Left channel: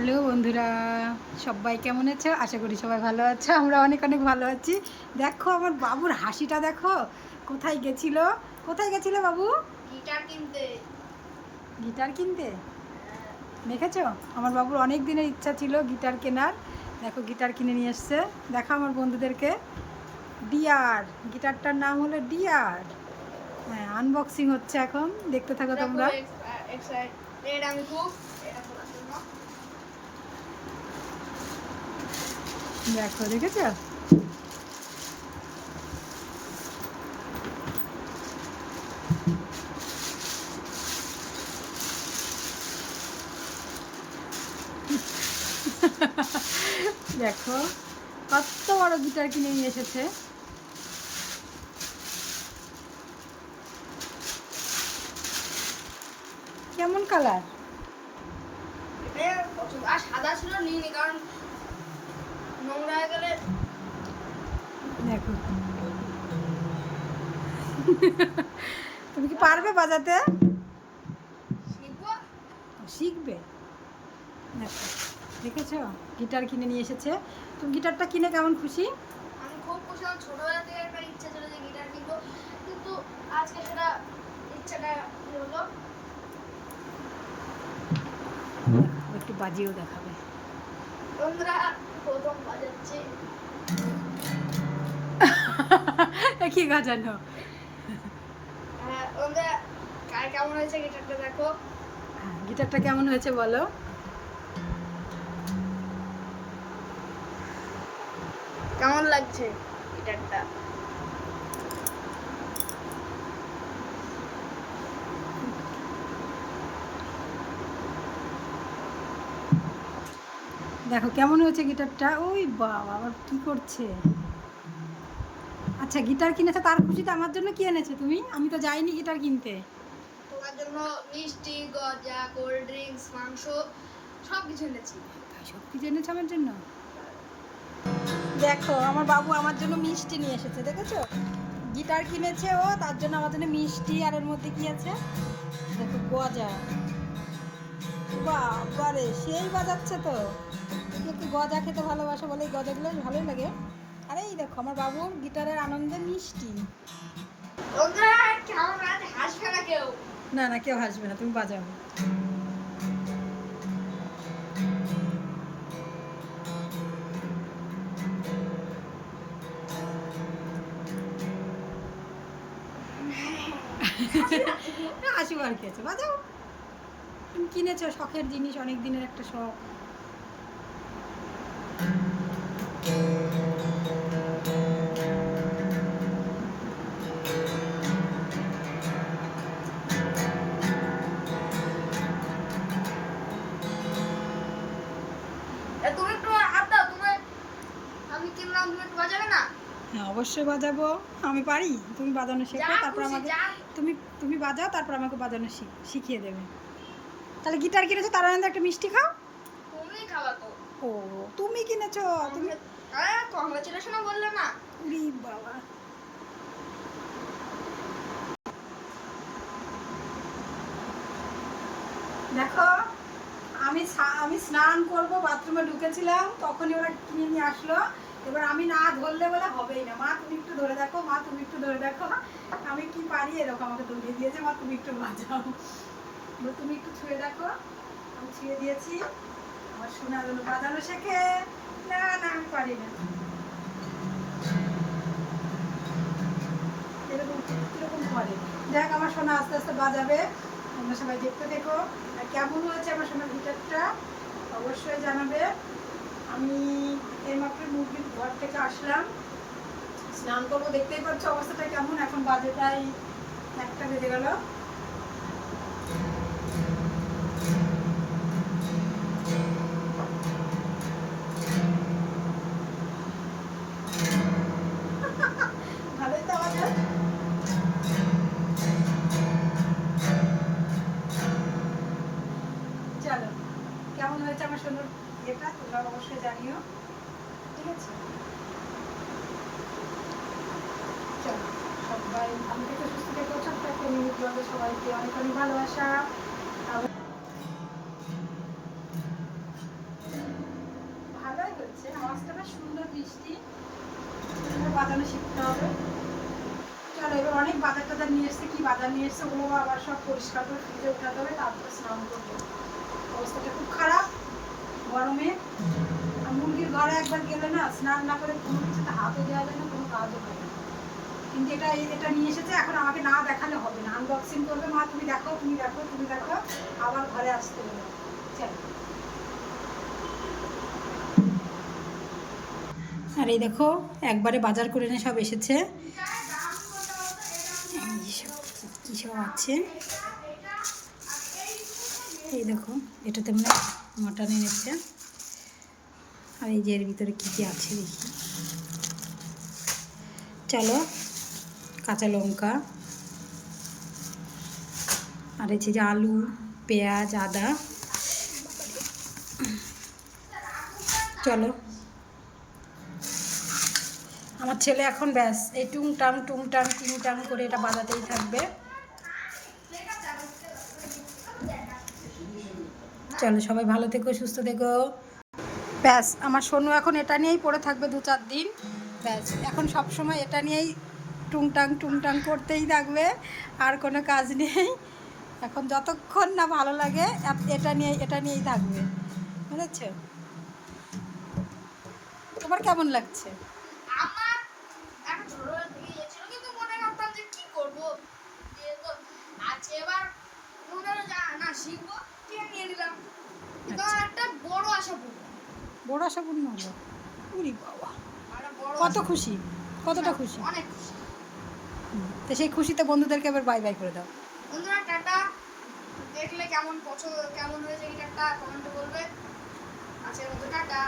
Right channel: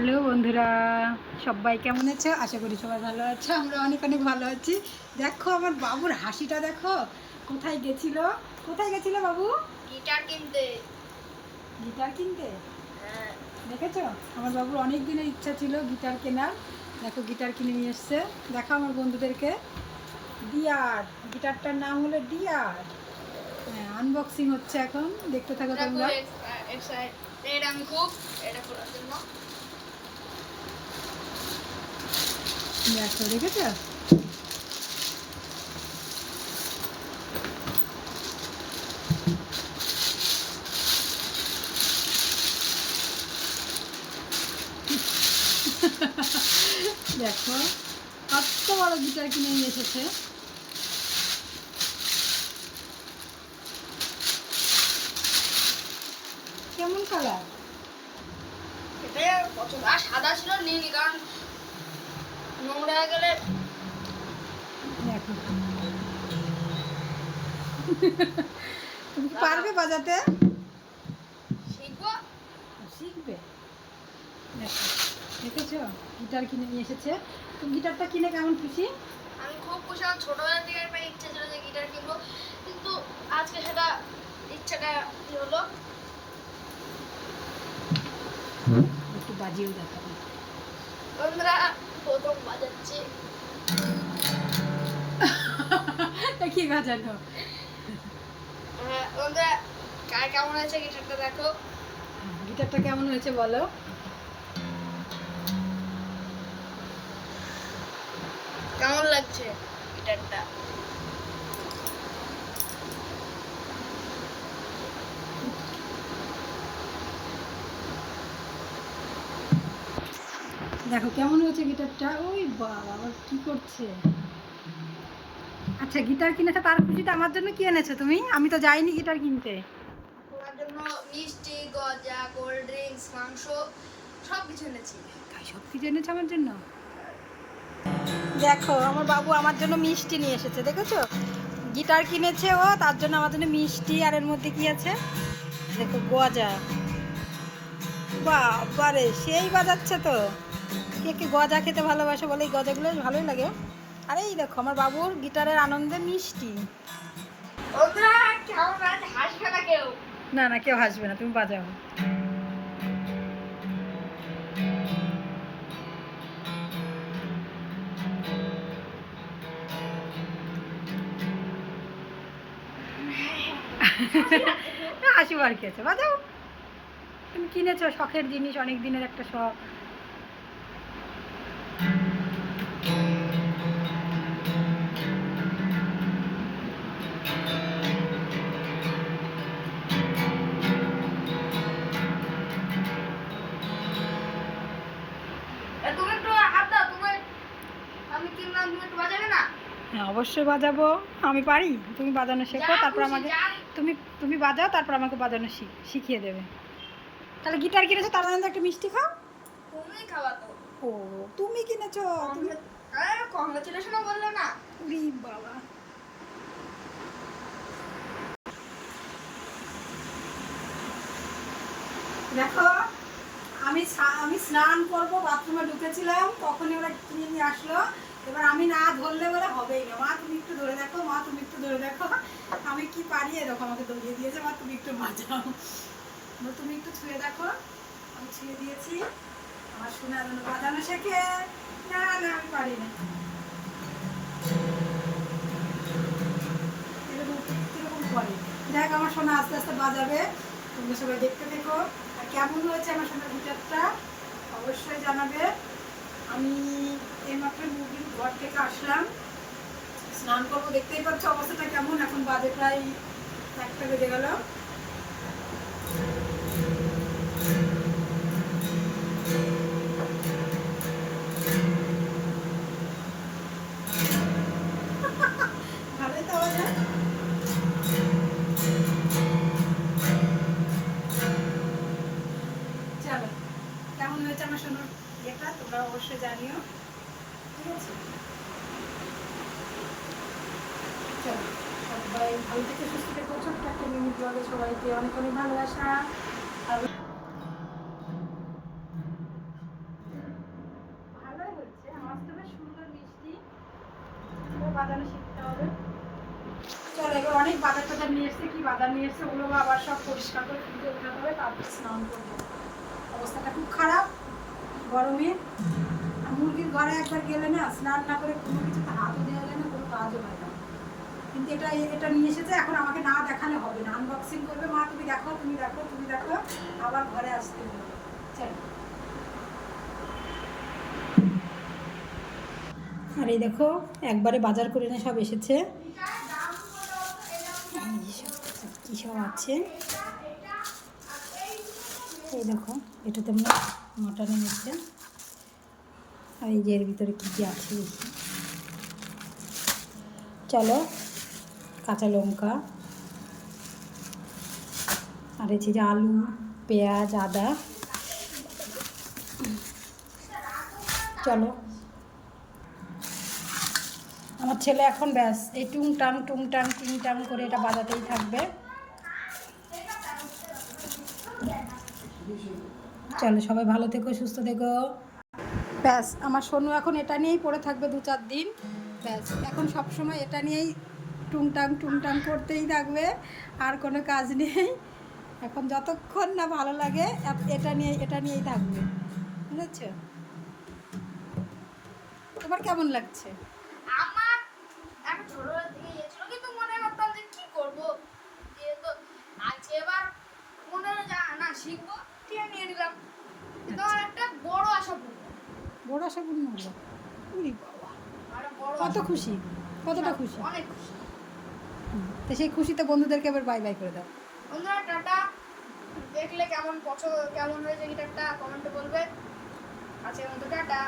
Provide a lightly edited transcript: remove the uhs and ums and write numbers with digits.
Hello বন্ধুরা, সবাই কেমন আছো? আশা করি সবাই ভালো আছো। আমরা অনেক অনেক ভালো আছি। দেখো আমার বাবুর হাসিটা দেখো। কোথায় গেছিল? কোথায় গেছিল বাবু? গিটার কিনতে। গিটার কিনতে? হ্যাঁ। দেখেছো আমার বাবুর অনেক দিনের ইচ্ছা ছিল গিটার কেনার। দেখো গিটার কিনে নিয়ে এসছে। দেখো আমার বন্ধুদেরকে। ডিয়ার, গিটারটার নাম হলো ডিয়ার। হ্যাঁ, আনবক্সিং হচ্ছে এখন, দেখতে থাকো তোমরা। এক্সাইটেড আমি খুব এটা খোলার জন্য। দেখো, দেখেছো? দেখো কত বড় গিটার কিনে নিয়ে এসেছে। কেমন কালার? এটাই পছন্দ। আর সাদা ছিল নিইনি, কারণ নোংরা হয়ে গেলে। দেখো তুমি কি পারবে বাজাতে? শিখবো। শিখবে। দেখো, দেখেছো গিটার কিনে নিয়ে এসেছে। তো গিটারটা কিনে কেমন খুশি? আমি খুব খুশি। আমার ছোটবেলা থেকে একটা ইচ্ছা ছিল যে গিটার কিনবো, কিন্তু আজকে সেটা ইচ্ছাটা কি হলো। একটু বাজিয়েও দেখাবে। তোমরা প্রথম বাজাচ্ছে। কি বাজানো? হ্যাঁ তোমরা কার কেমন হয়েছে গিটারটা দেখো। গিটারটা কেমন হয়েছে বলো? কেমন লাগছে গিটারটা? দেখো কেমন হয়েছে গিটারটা। ওই বাবা, আবার কি করছে? আচ্ছা, গিটার কিনেছে তার খুশিতে আমার জন্য কি এনেছো তুমি? আমি তো যাইনি গিটার কিনতে। তোমার জন্য মিষ্টি, গজা, কোল্ড ড্রিঙ্কস, মাংস সব কিছু এনেছি। তাই সব কিছু এনেছো আমার জন্য? দেখো আমার বাবু আমার জন্য মিষ্টি নিয়ে এসেছে, দেখেছো? গিটার কিনেছে ও, তার জন্য আমার জন্য মিষ্টি। আর এর মধ্যে কি আছে দেখো, গজা। বাবারে, সেই বাজাচ্ছে তো। কে কে গজা খেতে ভালোবাসে বলে, এই গজাগুলো ভালোই লাগে। আর এই দেখো আমার বাবুর গিটারের আনন্দে মিষ্টি। বন্ধুরা কেমন আছে? হাসবে না কেউ? না না, কেউ হাসবে না, তুমি বাজাও। হাসিবার কি আছে, বাজাও। তুমি কিনেছো শখের জিনিস, অনেক দিনের একটা শখ। তুমি একটু হাত দাও। তুমি, আমি কিনলাম, তুমি একটু বাজাবে না? হ্যাঁ অবশ্যই বাজাবো। আমি পারি, তুমি বাজানো শেখো, যা তারপর খুশি আমাকে। যা। তুমি তুমি বাজাও, তারপর আমাকে বাজানো শিখিয়ে দেবে। তাহলে গিটার কিনেছো, তার আনন্দে একটা মিষ্টি খাও। তুমি খাওয়া তো। ও, তুমি কিনেছো তুমি। কংগ্রেচুলেশন বললে না? উরি বাবা। দেখো আমি আমি স্নান করব, বাথরুমে ঢুকেছিলাম, তখনই ওরা কিনে নিয়ে আসলো। এবার আমি না ধরলে বলে হবেই না। মা তুমি একটু ধরে দেখো, মা তুমি একটু ধরে দেখো। আমি কি পারি, এরকম আমাকে দৌড়িয়ে দিয়েছে। মা তুমি একটু বাজাও, তুমি একটু ছুঁয়ে দেখো। আমি ছুঁয়ে দিয়েছি। আমার শোনা যেন বাজানো শেখে। না না, আমি পারি না। কিরকম করে দেখ, আমার সোনা আস্তে আস্তে বাজাবে। তোমরা সবাই দেখতে দেখো। আর কেমন হয়েছে আমার সোনার গিটারটা অবশ্যই জানাবে। আমি এইমাত্র মুরগির ঘর থেকে আসলাম, স্নান করবো। দেখতেই পাচ্ছ অবস্থাটা কেমন। এখন বাজে প্রায় 1টা বেজে গেল। ভালোই তো আওয়াজ হয়। চলো, কেমন হয়েছে আমার সোনার এটা তোমরা অবশ্যই জানিও, ঠিক আছে? চলো, সবাই ভালো থেকে সুস্থ থেকো। ছোট্ট একটা মিনি ব্লগে সবাইকে অনেক অনেক ভালোবাসা। আর বাজানো শিখতে হবে। চলো এবার অনেক বাজার টাজার নিয়ে এসছে, কি বাজার নিয়ে এসছে ওগুলো আবার সব পরিষ্কার করে ফ্রিজে উঠাতে হবে, তারপরে স্নান করবো। অবস্থাটা খুব খারাপ গরমে। আর মুরগির ঘরে একবার গেলে না স্নান না করে কোনো কিছুতে হাতও দেওয়া যায় না, কোনো কাজও হয় না। কিন্তু এটা নিয়ে এসেছে, এখন আমাকে না দেখালে হবে না, আনবক্সিং করবে মা, তুমি দেখো তুমি দেখো তুমি দেখো, আবার ঘরে আসতে হবে। চলো। আর এই দেখো একবারে বাজার করে এনে সব এসেছে, কী সব আছে এই দেখো, এটাতে মানে মটন এনেছে। আর এই যে এর ভিতরে কী কী আছে দেখি। চলো, কাঁচা লঙ্কা, আর এই যে আলু, পেঁয়াজ, আদা। চলো, আমার ছেলে এখন ব্যাস এই টুংটাং টুংটাং টিংটাং করে এটা বাজাতেই থাকবে। চলো, সবাই ভালো থেকো, সুস্থ থেকো। ব্যাস আমার সোনু এখন এটা নিয়েই পড়ে থাকবে 2-4 দিন। ব্যাস এখন সব সময় এটা নিয়েই টুংটাং টুংটাং করতেই থাকবে, আর কোনো কাজ নেই। এখন যতক্ষণ না ভালো লাগে এটা নিয়েই থাকবে, বুঝেছ? তোমার কেমন লাগছে? আমার একটা ছোটবেলা থেকে ইয়ে ছিল, কিন্তু মনে করতাম যে কি করবো, দিয়ে তো আজকে এবার মনে হলো যে না শিখবো, কিনে নিয়ে নিলাম। কিন্তু আমার একটা বড় আশা পূর্ণ। বড় আশা পূর্ণ হলো? উরি বাবা, আরো বড় কত আশা। খুশি, কতটা খুশি! অনেক খুশি। তো সেই খুশিতে বন্ধুদেরকে এবার বাই বাই করে দাও। বন্ধুরা টাটা। দেখলে কেমন পছন্দ, কেমন হয়েছে গিটারটা কমেন্টে বলবে। আজকের মতো টাটা।